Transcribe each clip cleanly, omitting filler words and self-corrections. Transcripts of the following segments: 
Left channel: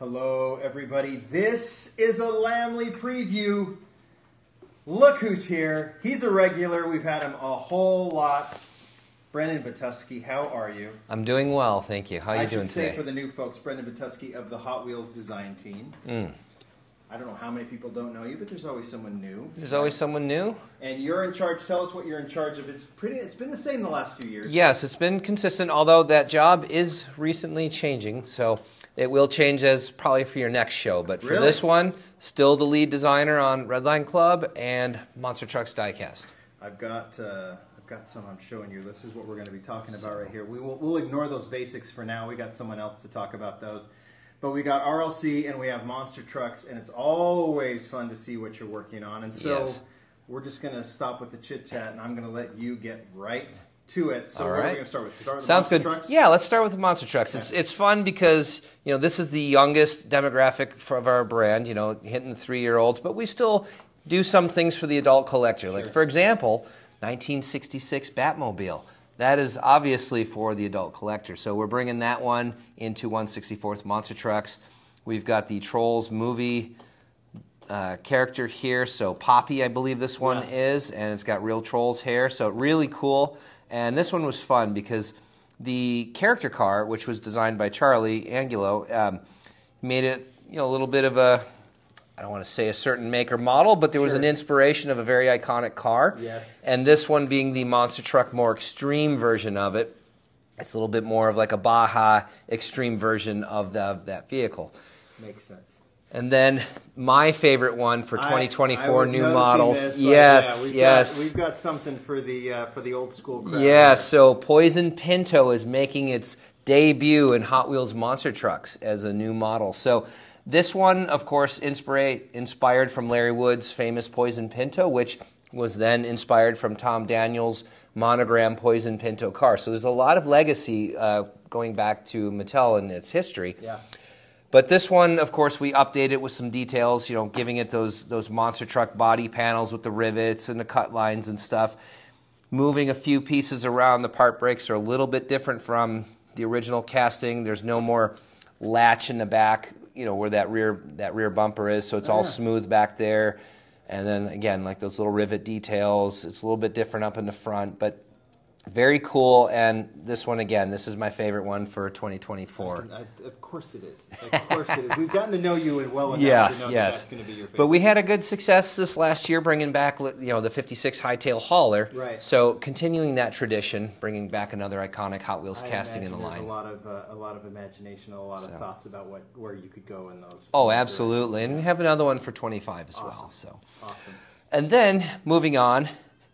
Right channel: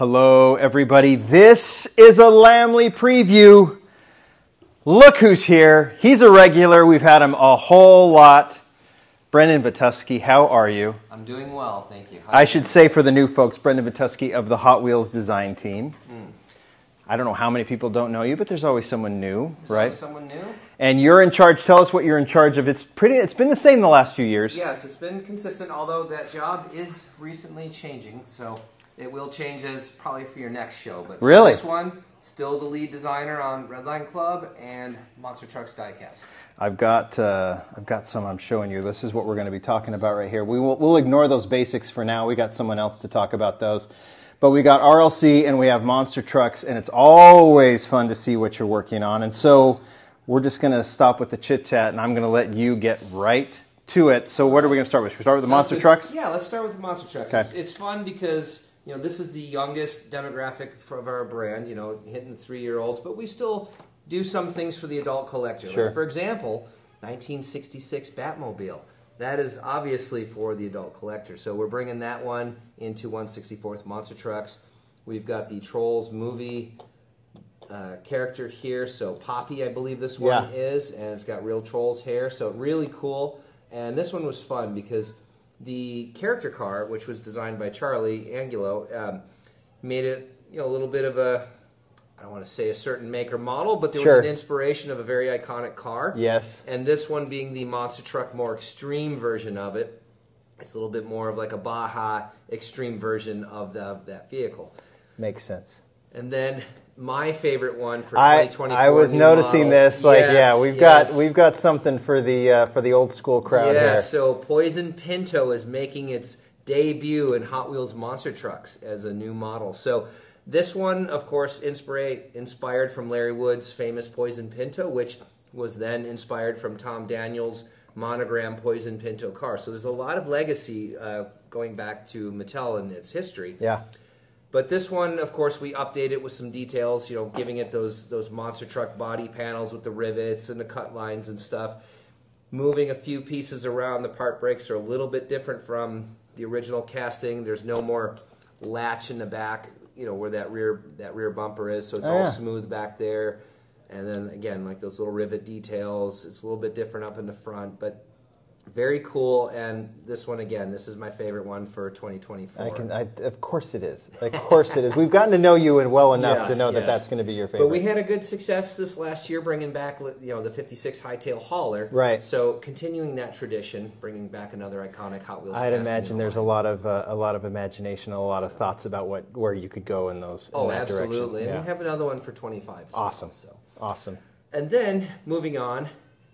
Hello, everybody. This is a Lamley preview. Look who's here. He's a regular. We've had him a whole lot. Brendon Vetuskey, how are you? I'm doing well, thank you. I should say for the new folks, Brendon Vetuskey of the Hot Wheels design team. I don't know how many people don't know you, but there's always someone new. There's always someone new. And you're in charge. Tell us what you're in charge of. It's been the same the last few years. Yes, it's been consistent, although that job is recently changing. So it will change as probably for your next show. But for this one, still the lead designer on Redline Club and Monster Trucks Diecast. I've got some I'm showing you. This is what we're going to be talking about right here. We'll ignore those basics for now. We got someone else to talk about those. But we got RLC and we have Monster Trucks, and it's always fun to see what you're working on. And so we're just going to stop with the chit-chat, and I'm going to let you get right to it. So what are we going to start with? Should we start with the Monster Trucks? Yeah, let's start with the Monster Trucks. Okay. It's fun because this is the youngest demographic of our brand, hitting the 3-year-olds, but we still do some things for the adult collector. Sure. Like, for example, 1966 Batmobile. That is obviously for the adult collector. So we're bringing that one into 1/64th Monster Trucks. We've got the Trolls movie character here. So Poppy, I believe this one is, and it's got real Trolls hair. So really cool. And this one was fun because the character car, which was designed by Charlie Angulo, made it a little bit of a, I don't want to say a certain make or model, but there was an inspiration of a very iconic car. Yes. And this one being the Monster Truck more extreme version of it. It's a little bit more of like a Baja extreme version of that vehicle. Makes sense. And then my favorite one for 2024 I was noticing models. This. We've got something for the old school crowd. Yeah. So Poison Pinto is making its debut in Hot Wheels Monster Trucks as a new model. So this one, of course, inspired from Larry Wood's famous Poison Pinto, which was then inspired from Tom Daniels' monogram Poison Pinto car. So there's a lot of legacy going back to Mattel and its history. Yeah. But this one, of course, we updated with some details, giving it those monster truck body panels with the rivets and the cut lines and stuff. Moving a few pieces around. The part breaks are a little bit different from the original casting. There's no more latch in the back, where that rear bumper is, so it's all smooth back there. And then again, like those little rivet details, it's a little bit different up in the front, but very cool. And this one, again, this is my favorite one for 2024. Of course it is. Of course it is. We've gotten to know you well enough to know that that's going to be your favorite. But we had a good success this last year bringing back, the 56 Hightail Hauler. Right. So continuing that tradition, bringing back another iconic Hot Wheels casting. I'd imagine there's a lot of imagination, a lot of thoughts about where you could go in those. Oh, absolutely. And we have another one for 25 as well. So awesome. And then moving on.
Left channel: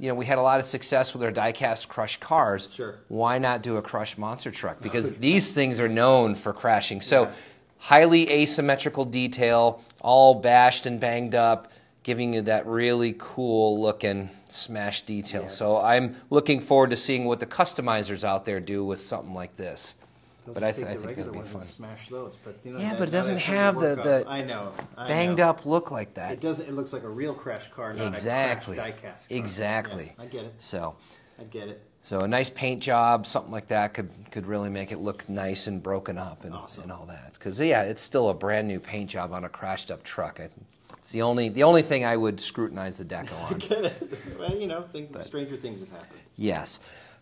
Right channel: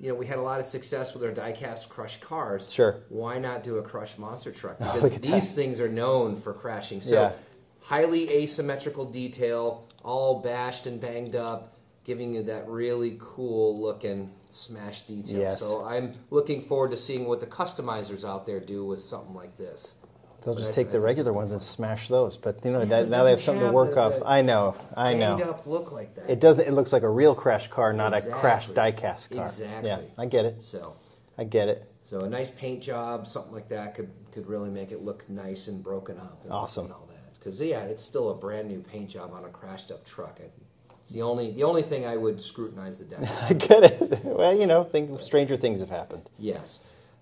We had a lot of success with our die-cast crush cars. Sure. Why not do a crush monster truck? Because these things are known for crashing. So highly asymmetrical detail, all bashed and banged up, giving you that really cool looking smash detail. Yes. So I'm looking forward to seeing what the customizers out there do with something like this. They'll just take the regular ones and smash those, but now but they have something to work off. I know. Banged up look like that. It doesn't. It looks like a real crash car, not a crash diecast car. Exactly. Yeah, I get it. So I get it. So a nice paint job, something like that, could really make it look nice and broken up and, awesome. And all that. Because it's still a brand new paint job on a crashed up truck. It's the only thing I would scrutinize the deck on. I get it. Well, stranger things have happened. Yes.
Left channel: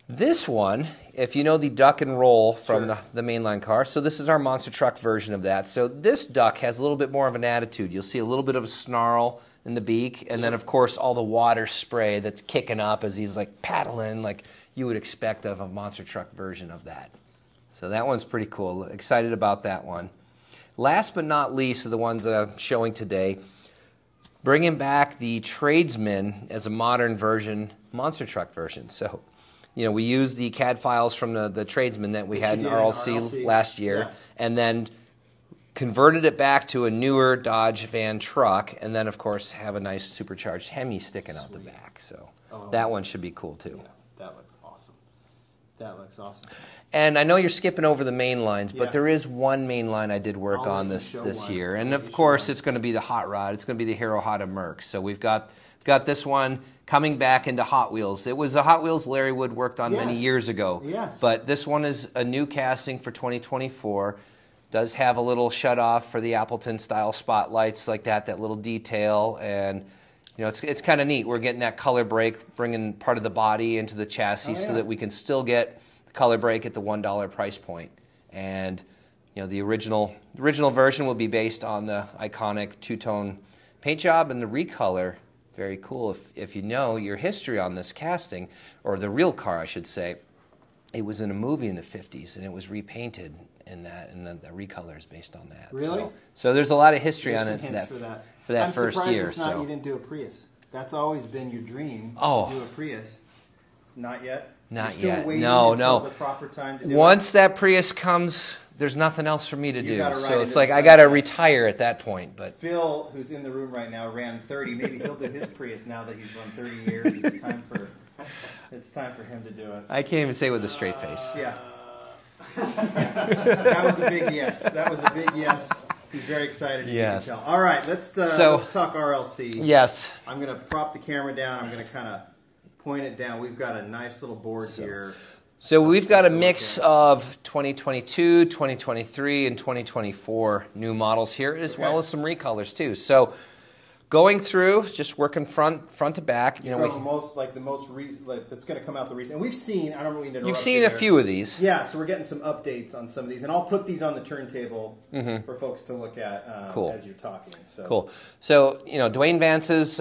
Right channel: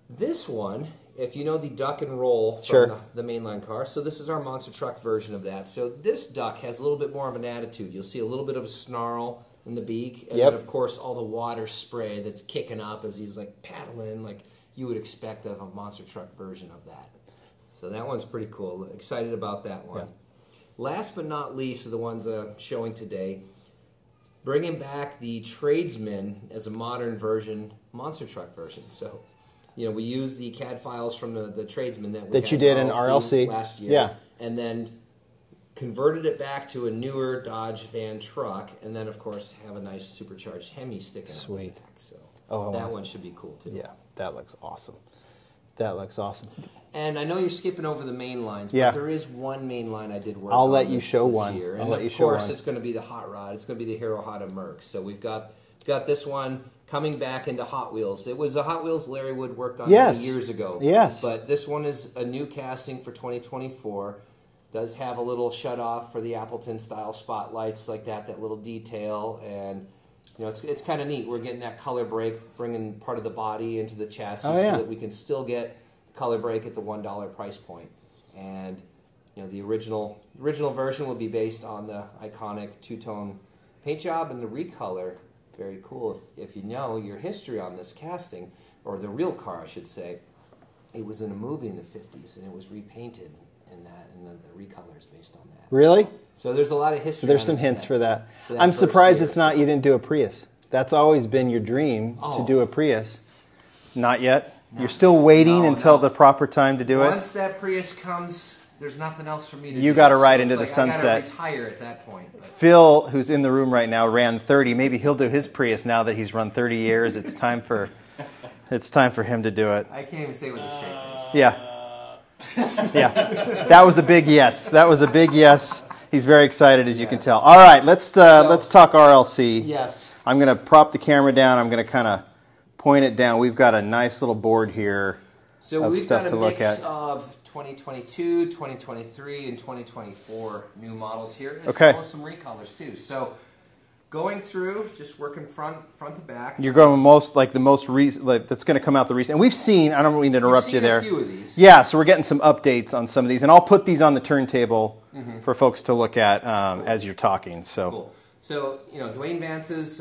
This one, if you know the duck and roll from the mainline car, so this is our monster truck version of that. So this duck has a little bit more of an attitude. You'll see a little bit of a snarl in the beak, and then of course all the water spray that's kicking up as he's like paddling like you would expect of a monster truck version of that. So that one's pretty cool. Excited about that one. Last but not least are the ones that I'm showing today. Bringing back the Tradesman as a modern version, monster truck version. So we used the CAD files from the Tradesman that we had in RLC last year, and then converted it back to a newer Dodge van truck, and then, of course, have a nice supercharged Hemi sticking out the back. So that one should be cool, too. Yeah, that looks awesome. That looks awesome. And I know you're skipping over the main lines, but there is one main line I did work on this year. And, of course, it's going to be the Hot Rod. It's going to be the Hero Hot of Merc. So we've got this one coming back into Hot Wheels. It was a Hot Wheels Larry Wood worked on many years ago. Yes. But this one is a new casting for 2024. Does have a little shut-off for the Appleton style spotlights like that little detail, and you know, it's kind of neat. We're getting that color break, bringing part of the body into the chassis so that we can still get the color break at the $1 price point. And you know, the original version will be based on the iconic two-tone paint job, and the recolor, very cool. If you know your history on this casting, or the real car, I should say, it was in a movie in the 50s, and it was repainted in that, and the recolor is based on that. Really? So there's a lot of history. There's some hints for that. I'm surprised it's not. You didn't do a Prius. That's always been your dream to do a Prius. Not yet. You're still waiting until the proper time to do it. Once that Prius comes, there's nothing else for me to do. You got to ride into the sunset. I got to retire at that point. But Phil, who's in the room right now, ran 30. Maybe he'll do his Prius now that he's run 30 years. It's time for him to do it. I can't even say it with a straight face. Yeah. Yeah. That was a big yes. That was a big yes. He's very excited, as you can tell. All right, let's talk RLC. Yes. I'm going to prop the camera down. I'm going to kind of point it down. We've got a nice little board here. So we've got a mix of 2022, 2023, and 2024 new models here, as well as some recolors too. So going through, just working front to back. You're going the most recent, that's going to come out the recent. And we've seen, I don't mean to interrupt you there. We've seen a few of these. Yeah, so we're getting some updates on some of these. And I'll put these on the turntable for folks to look at as you're talking. So. Cool. So, you know, Dwayne Vance's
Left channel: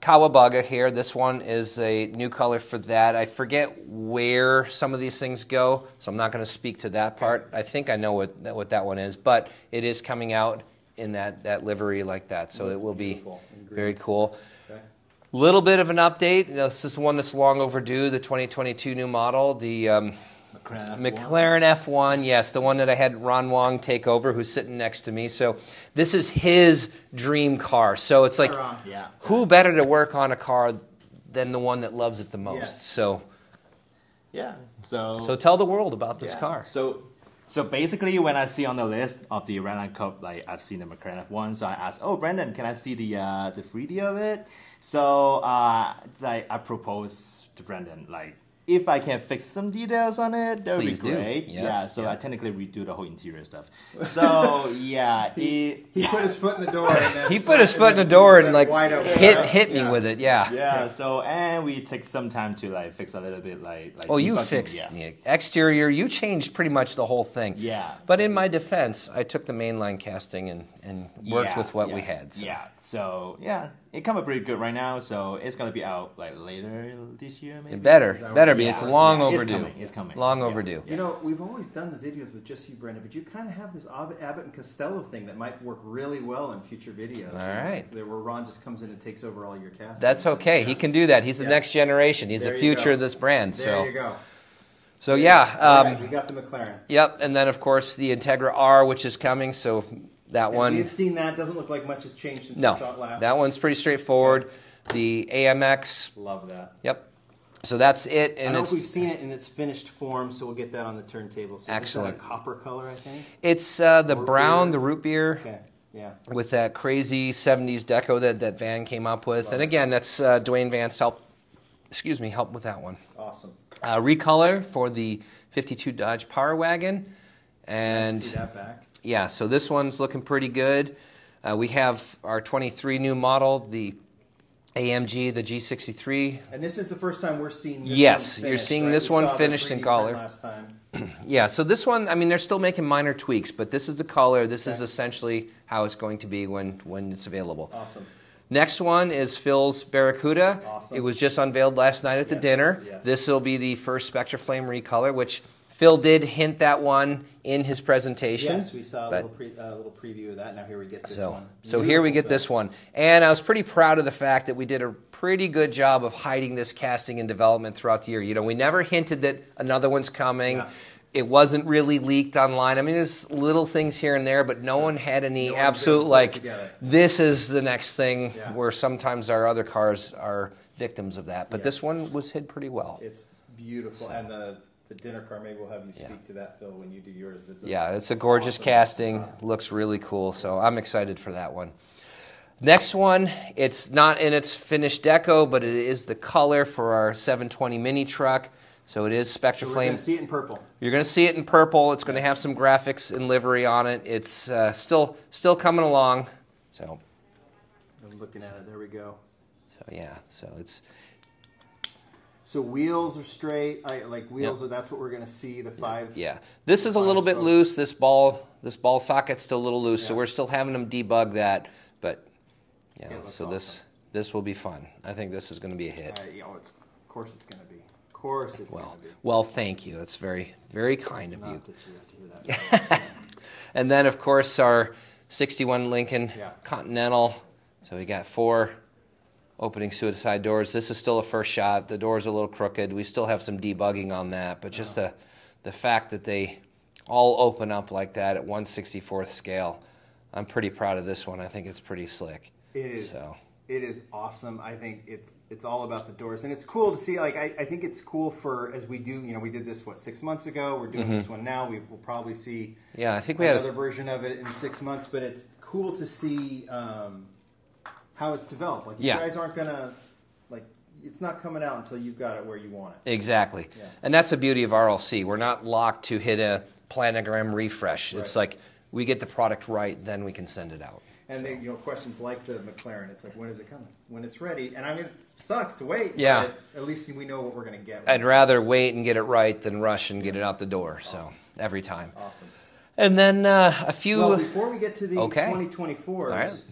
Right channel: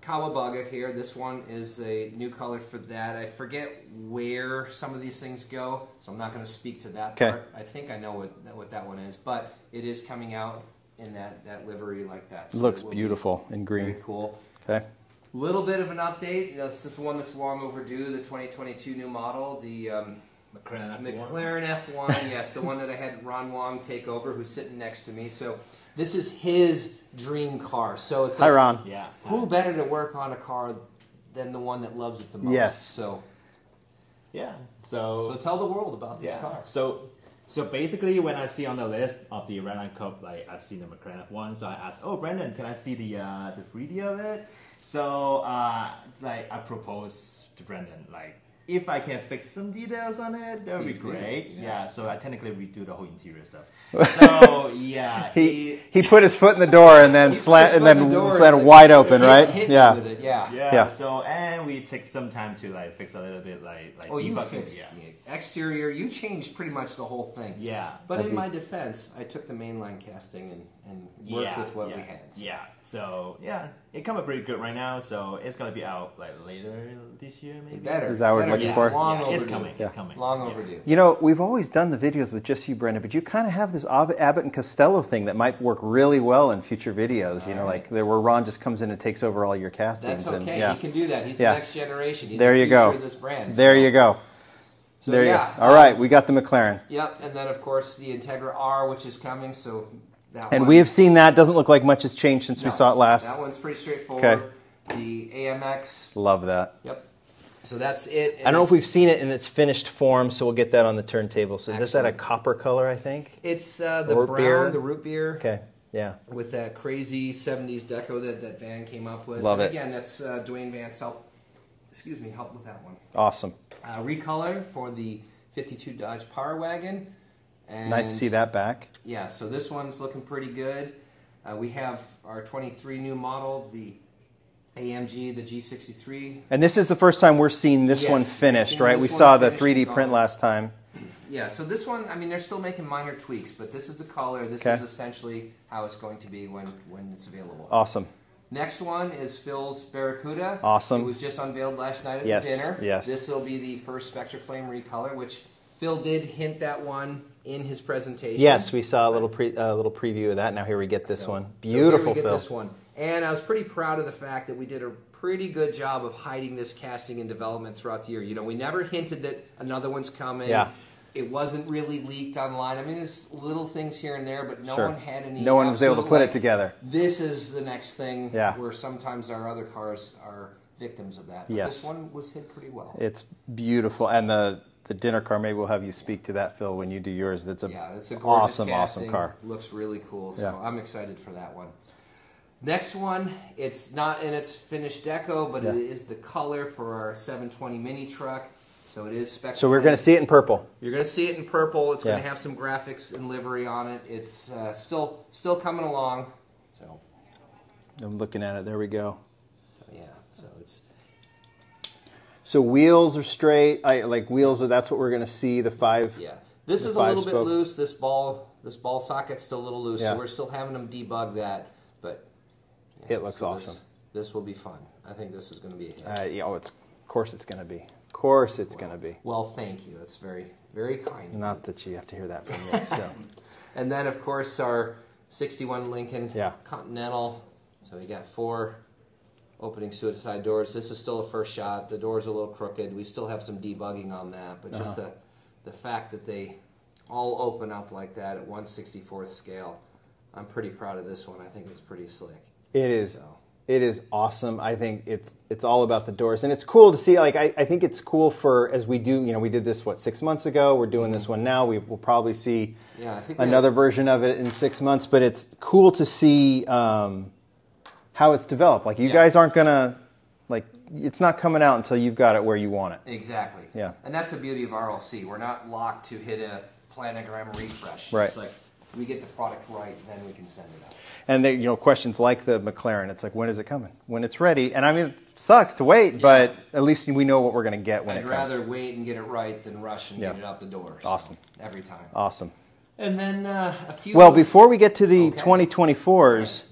Kawabunga here. This one is a new color for that. I forget where some of these things go, so I'm not going to speak to that part. I think I know what that one is, but it is coming out in that livery like that. So it looks it will beautiful in green. Very cool. Okay. Little bit of an update. You know, this is one that's long overdue, the 2022 new model, the McLaren F1. Yes, the one that I had Ron Wong take over, who's sitting next to me. So this is his dream car. So it's like, hi, Ron. Who better to work on a car than the one that loves it the most? Yes. So yeah. So tell the world about this car. So basically, when I see on the list of the Redline Cup, like I've seen the McLaren F1, so I asked, "Oh, Brendon, can I see the 3D of it?" So like I proposed to Brendon, like, if I can fix some details on it, that would be great. Yes. I technically redo the whole interior stuff. So he put his foot in the door and then slammed it wide open, right? Hit me with it, yeah. So and we took some time to like fix a little bit, like. Oh, you fixed the exterior. You changed pretty much the whole thing. Yeah. But in my defense, I took the mainline casting and worked with what we had. So. Yeah. So it come up pretty good right now. So it's gonna be out like later this year, maybe. It better be. It's long overdue. It's coming. Long overdue. You know, we've always done the videos with just you, Brendon, but you kind of have this Abbott and Costello thing that might work really well in future videos. Like where Ron just comes in and takes over all your castings. That's okay. He can do that. He's the next generation. He's the future of this brand. There you go. So all right, we got the McLaren. Yep, and then of course the Integra R, which is coming. So that one. And we have seen that. Doesn't look like much has changed since we saw it last. That one's pretty straightforward. The AMX. Love that. Yep. So that's it. I don't know if we've seen it in its finished form, so we'll get that on the turntable. So is that a copper color, I think? It's the brown, the root beer. Okay, yeah. With that crazy 70s deco that Van came up with. Love and it. Again, that's Dwayne Vance help with that one. Awesome. Recolor for the 52 Dodge Power Wagon. And nice to see that back. Yeah, so this one's looking pretty good. We have our 23 new model, the AMG, the G63. And this is the first time we're seeing this one finished, right? We saw the 3D print last time. Yeah, so this one, I mean, they're still making minor tweaks, but this is the color. This is essentially how it's going to be when it's available. Awesome. Next one is Phil's Barracuda. Awesome. It was just unveiled last night at the dinner. Yes. This will be the first Spectra Flame recolor, which Phil did hint that one in his presentation. Yes, we saw a little preview of that. Now here we get this one. Beautiful, so here we get this one. And I was pretty proud of the fact that we did a pretty good job of hiding this casting and development throughout the year. You know, we never hinted that another one's coming. Yeah. It wasn't really leaked online. I mean, there's little things here and there, but no one had any no one was able to put it together. This is the next thing where sometimes our other cars are victims of that. But this one was hid pretty well. It's beautiful. And the dinner car, maybe we'll have you speak to that, Phil, when you do yours. It's a gorgeous casting. Awesome car. Looks really cool, so I'm excited for that one. Next one, it's not in its finished deco, but it is the color for our 720 mini truck. So it is Spectraflame. So we're going to see it in purple. You're going to see it in purple. It's going to have some graphics and livery on it. It's still coming along. So I'm looking at it. There we go. So yeah, so it's. So wheels are straight. Wheels are. That's what we're going to see. The 5. Yeah. This is a little bit loose. This ball socket's still a little loose. Yeah. So we're still having them debug that, but yeah, it looks awesome. This will be fun. I think this is going to be a hit. Of course it's going to be. Of course it's going to be. Well, thank you. That's very, very kind of you. Not that you have to hear that from me. So. And then, of course, our 61 Lincoln Continental. So we got 4 opening suicide doors. This is still a first shot. The door's a little crooked. We still have some debugging on that, but just the fact that they all open up like that at 1/64th scale, I'm pretty proud of this one. I think it's pretty slick. It is. So. It is awesome. I think it's all about the doors, and it's cool to see. Like I think it's cool for as we do. We did this 6 months ago. We're doing this one now. We will probably see I think another version of it in 6 months. But it's cool to see how it's developed. Like you guys aren't gonna it's not coming out until you've got it where you want it. Exactly. Yeah. And that's the beauty of RLC. We're not locked to hit a planogram refresh. Right. It's like we get the product right, then we can send it out. And they, questions like the McLaren, it's like, when is it coming? When it's ready. And I mean, it sucks to wait, but at least we know what we're going to get. I'd rather wait and get it right than rush and get it out the door. Awesome. So, every time. Awesome. And then a few... Well, before we get to the 2024s,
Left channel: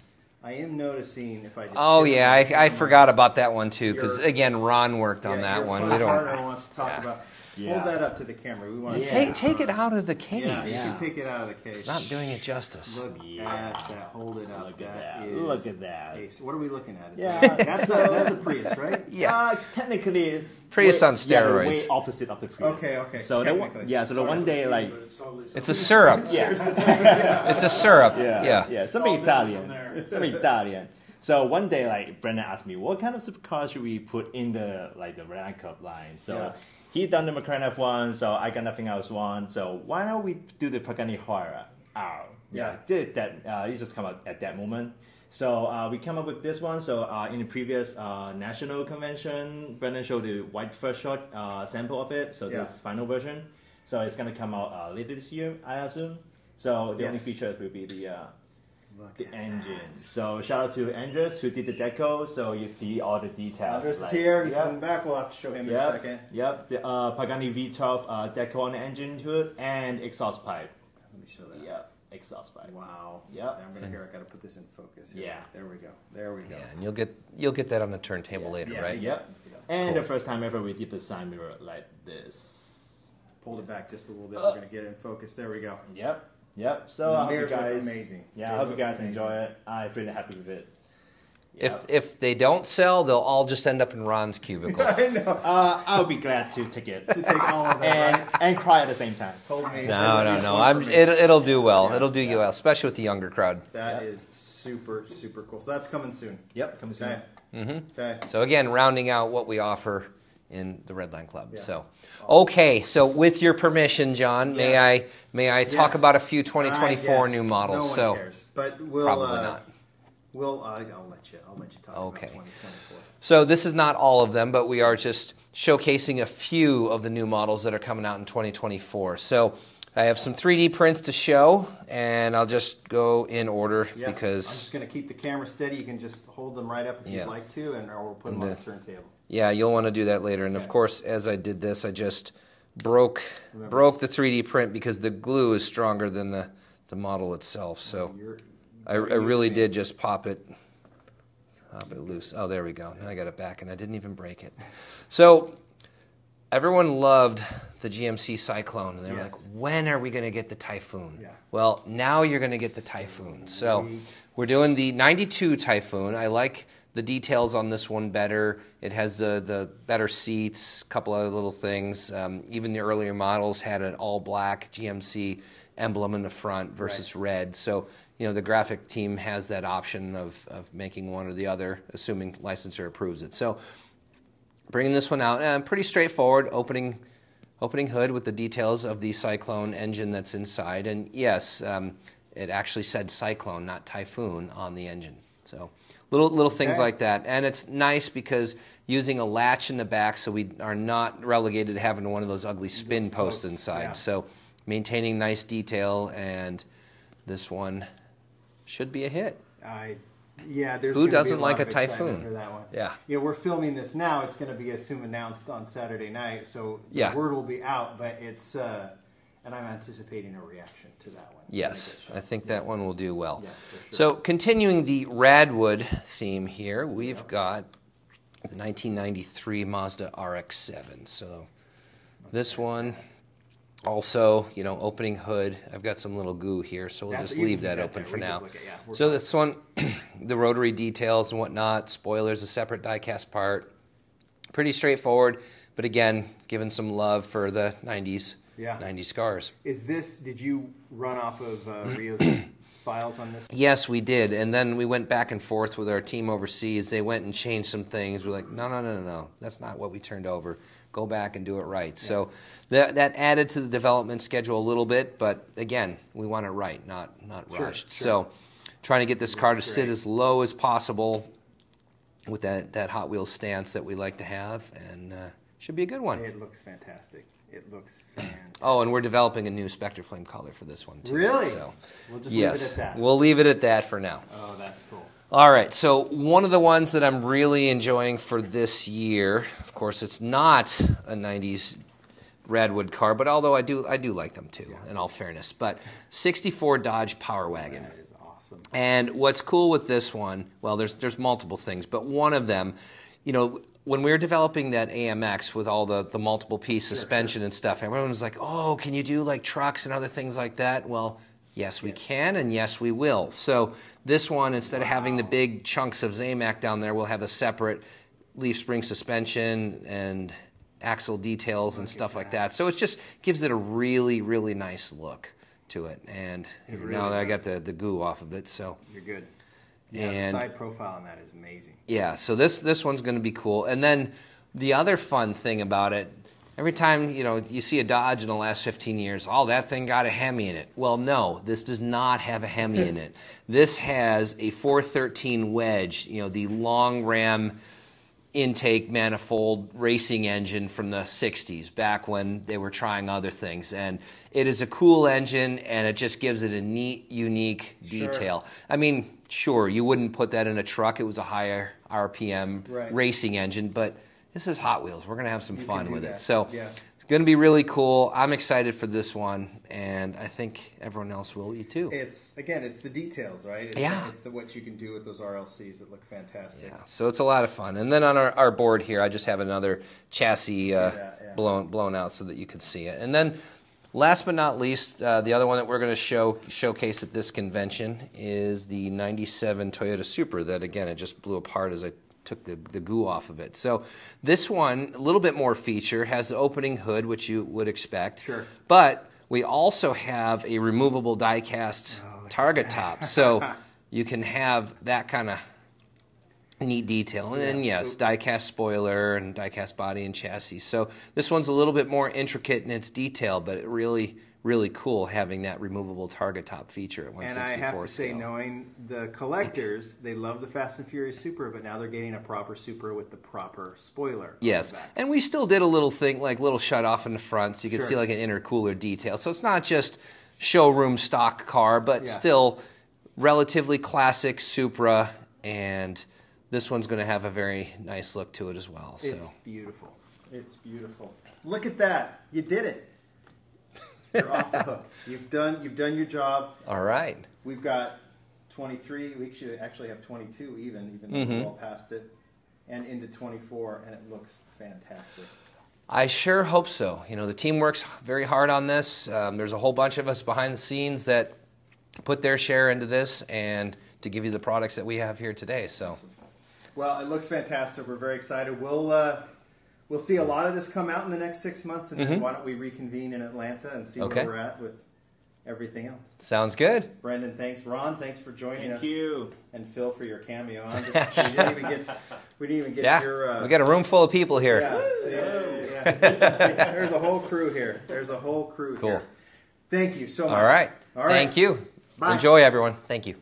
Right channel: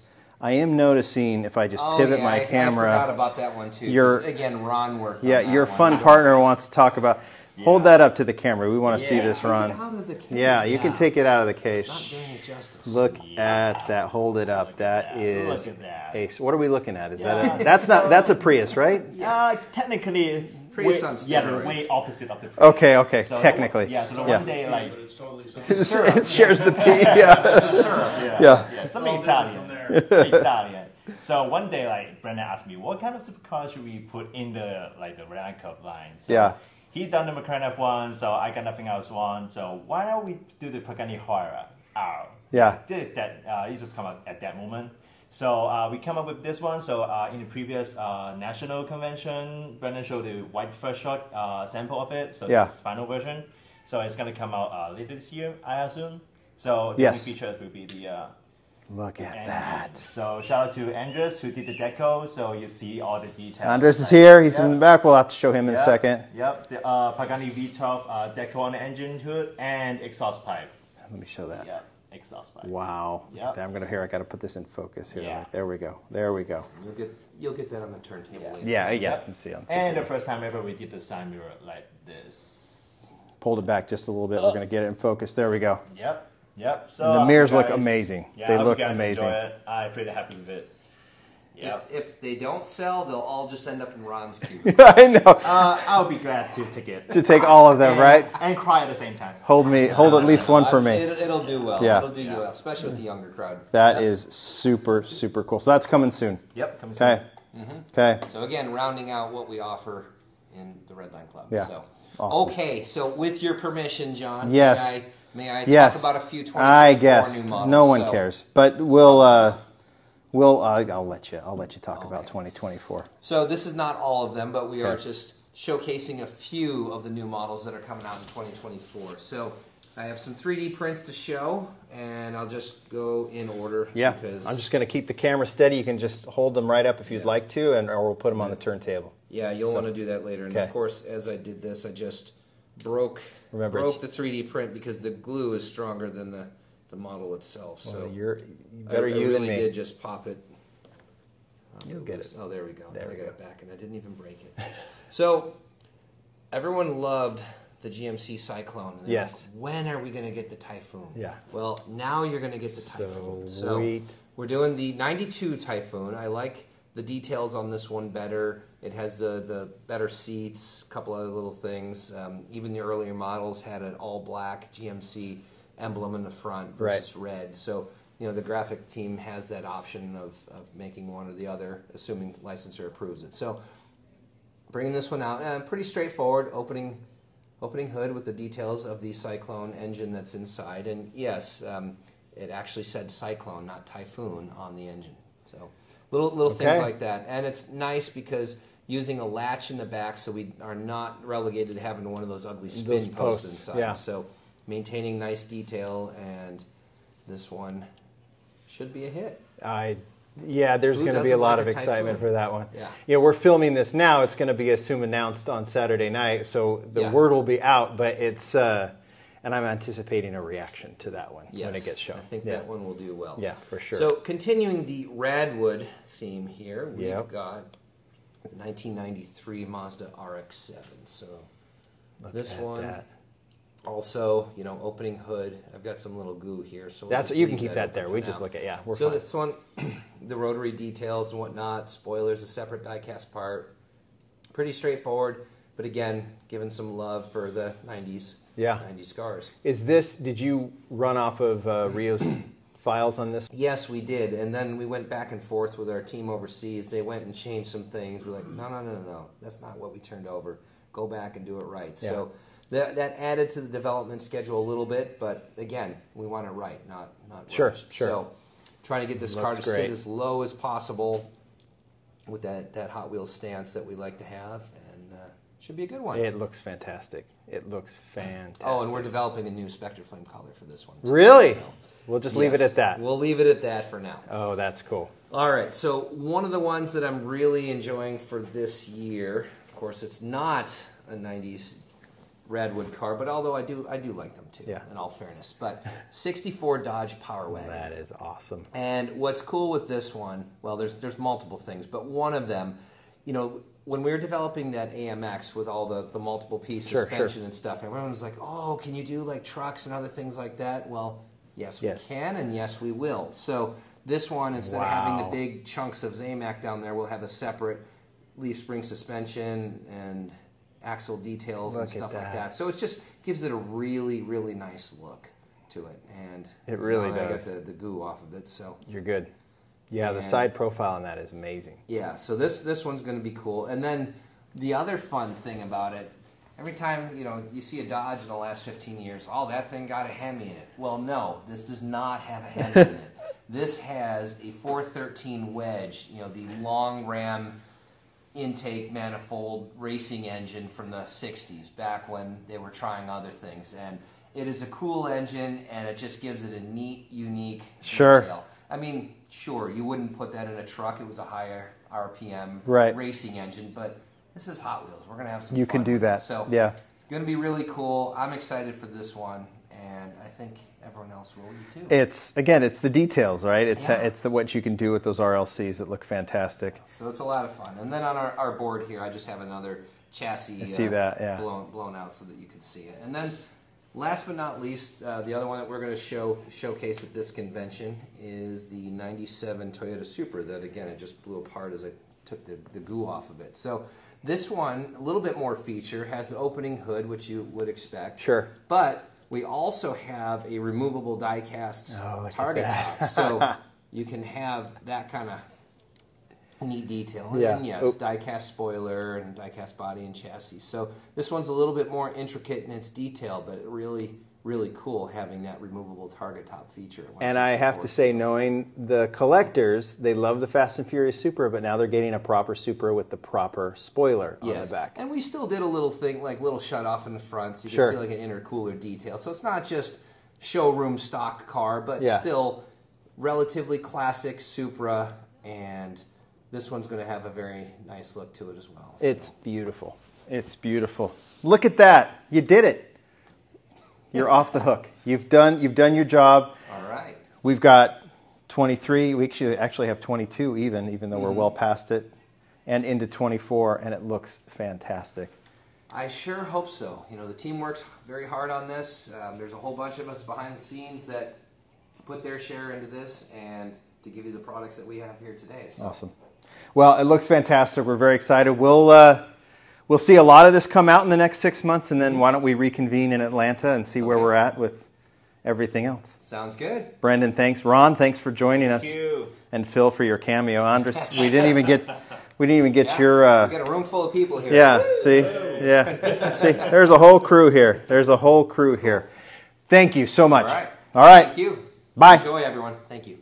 I am noticing, if I just pivot my camera... I forgot about that one, too. Because, again, Ron worked on that one. Yeah, your fun partner wants to talk about... Hold that up to the camera. We want to see this, Ron. Take it out of the case. Yeah, you can take it out of the case. It's not doing it justice. Look at that. Hold it up. That is. Look at that. What are we looking at? Is that that's a Prius, right? Yeah. Technically, Prius on steroids. The way opposite of the Prius. Okay. So technically. So the one day it's a syrup. It shares the P. Yeah. It's a syrup. Yeah. Something Italian. Something Italian. So one day, Brendon asked me, what kind of supercar should we put in the Red Cup line? So he done the McLaren F1, so I got nothing else on. So why don't we do the Pagani Huayra R? Yeah. Did that? It just come up at that moment. So we come up with this one. So in the previous national convention, Brendon showed the white first shot sample of it. So this final version. So it's gonna come out later this year, I assume. So the features will be the. Look at engine. that. So shout out to Andres who did the deco, so you see all the details. Andres is here. He's in the back. We'll have to show him in a second. Yep. The Pagani V12 deco on the engine hood and exhaust pipe. Let me show that. Yeah, exhaust pipe. Wow. Yep. I'm gonna I got to put this in focus here. Yeah. There we go. There we go. Yeah, and you'll get that on the turntable later. Yeah. Right? Yeah. Let's see. And the first time ever we did the side mirror like this. Pulled it back just a little bit. We're gonna get it in focus. There we go. Yep. So and the mirrors look amazing. Yeah, they I hope look you guys amazing. Enjoy it. I'm pretty happy with it. Yep. If they don't sell, they'll all just end up in Ron's cubicle. I know. I'll be glad to take it. To take all of them, right? And cry at the same time. Hold at least one for me. It'll do well. Yeah. It'll do you well, especially with the younger crowd. That is super, super cool. So that's coming soon. Yep, coming soon. Okay. Okay. So again, rounding out what we offer in the Redline Club. Yeah. So awesome. Okay, so with your permission, John, yes. may I talk about a few 2024 new models? No one cares, but I'll let you talk about 2024. So this is not all of them, but we are just showcasing a few of the new models that are coming out in 2024. So I have some 3D prints to show, and I'll just go in order because I'm just going to keep the camera steady. You can just hold them right up if you'd like to, or we'll put them on the turntable. Yeah, you'll want to do that later. And of course, as I did this, I just broke the 3D print because the glue is stronger than the model itself. So I really did just pop it loose. Oh, there we go. I got it back, and I didn't even break it. So everyone loved the GMC Cyclone. And they're like, when are we going to get the Typhoon? Yeah. Well, now you're going to get the Typhoon. So we're doing the 92 Typhoon. I like the details on this one better. It has the better seats, a couple other little things. Even the earlier models had an all-black GMC emblem in the front versus red. So, the graphic team has that option of making one or the other, assuming licensor approves it. So, bringing this one out, pretty straightforward, opening hood with the details of the Cyclone engine that's inside. And yes, it actually said Cyclone, not Typhoon, on the engine. So little things like that. And it's nice because using a latch in the back so we are not relegated to having one of those ugly spin posts inside. Yeah. So maintaining nice detail, and this one should be a hit. Yeah, there's going to be a lot of excitement for that one. Yeah. You know, we're filming this now. It's going to be assume announced on Saturday night, so the word will be out, but it's, and I'm anticipating a reaction to that one when it gets shown. I think that one will do well. Yeah, for sure. So continuing the Radwood theme here, we've got the 1993 Mazda RX-7. So this one, also, you know, opening hood. I've got some little goo here, so we'll just leave that open for now. Just look at, so fine. This one, the rotary details and whatnot, spoilers, a separate die-cast part. Pretty straightforward, but again, giving some love for the 90s. 90s cars. Did you run off of Rio's files on this? Yes, we did. And then we went back and forth with our team overseas. They went and changed some things. We're like, no. That's not what we turned over. Go back and do it right. Yeah. So that added to the development schedule a little bit. But again, we want it right, not rushed. Sure. So trying to get this car to sit as low as possible with that Hot Wheels stance that we like to have. And should be a good one. It looks fantastic. It looks fantastic. Oh, and we're developing a new Spectre Flame color for this one, too. Really? So, we'll just leave it at that. We'll leave it at that for now. Oh, that's cool. All right, so one of the ones that I'm really enjoying for this year, of course, it's not a 90s Radwood car, but although I do like them, too, in all fairness. But 64 Dodge Power Wagon. That is awesome. And what's cool with this one, well, there's multiple things, but one of them, you know, when we were developing that AMX with all the multiple piece suspension and stuff, everyone was like, oh, can you do like trucks and other things like that? Well, yes, we can, and yes, we will. So this one, instead of having the big chunks of Zamac down there, we'll have a separate leaf spring suspension and axle details and stuff like that. So it just gives it a really, really nice look to it. And it really does. I got the goo off of it, so you're good. Yeah, the side profile on that is amazing. Yeah, so this one's going to be cool. And then the other fun thing about it, every time you see a Dodge in the last 15 years, oh, that thing got a Hemi in it. Well, no, this does not have a Hemi in it. This has a 413 wedge, the long ram intake manifold racing engine from the 60s, back when they were trying other things. And it is a cool engine, and it just gives it a neat, unique detail. I mean, sure, you wouldn't put that in a truck. It was a higher RPM racing engine, but this is Hot Wheels. We're going to have some fun with it. You can do that. So it's going to be really cool. I'm excited for this one, and I think everyone else will be too. It's the details, right? It's what you can do with those RLCs that look fantastic. Yeah, so it's a lot of fun. And then on our board here, I just have another chassis blown out so that you can see it. And then last but not least, the other one that we're going to showcase at this convention is the 97 Toyota Supra that, again, it just blew apart as I took the goo off of it. So this one, a little bit more feature, has the opening hood, which you would expect. Sure. But we also have a removable die-cast target top. So you can have that kind of neat detail. And then, yes, die-cast spoiler and die-cast body and chassis. So this one's a little bit more intricate in its detail, but it really, really cool having that removable target top feature. And I have to say, knowing the collectors, they love the Fast and Furious Supra, but now they're getting a proper Supra with the proper spoiler on the back. And we still did a little thing, like little shut-off in the front, so you can see like an intercooler detail. So it's not just showroom stock car, but still relatively classic Supra, and this one's going to have a very nice look to it as well. So. It's beautiful. It's beautiful. Look at that. You did it. You're off the hook. You've done your job. All right. We've got 23. We actually have 22 even though we're well past it, and into 24, and it looks fantastic. I sure hope so. The team works very hard on this. There's a whole bunch of us behind the scenes that put their share into this and to give you the products that we have here today. So. Awesome. Well, it looks fantastic. We're very excited. We'll see a lot of this come out in the next 6 months, and then why don't we reconvene in Atlanta and see where we're at with everything else. Sounds good. Brendon, thanks. Ron, thanks for joining us. Thank you. And Phil for your cameo. Andres, we didn't even get your. We got a room full of people here. Yeah. See. Yeah. See. There's a whole crew here. Cool. Thank you so much. All right. All right. Thank you. Bye. Enjoy, everyone. Thank you.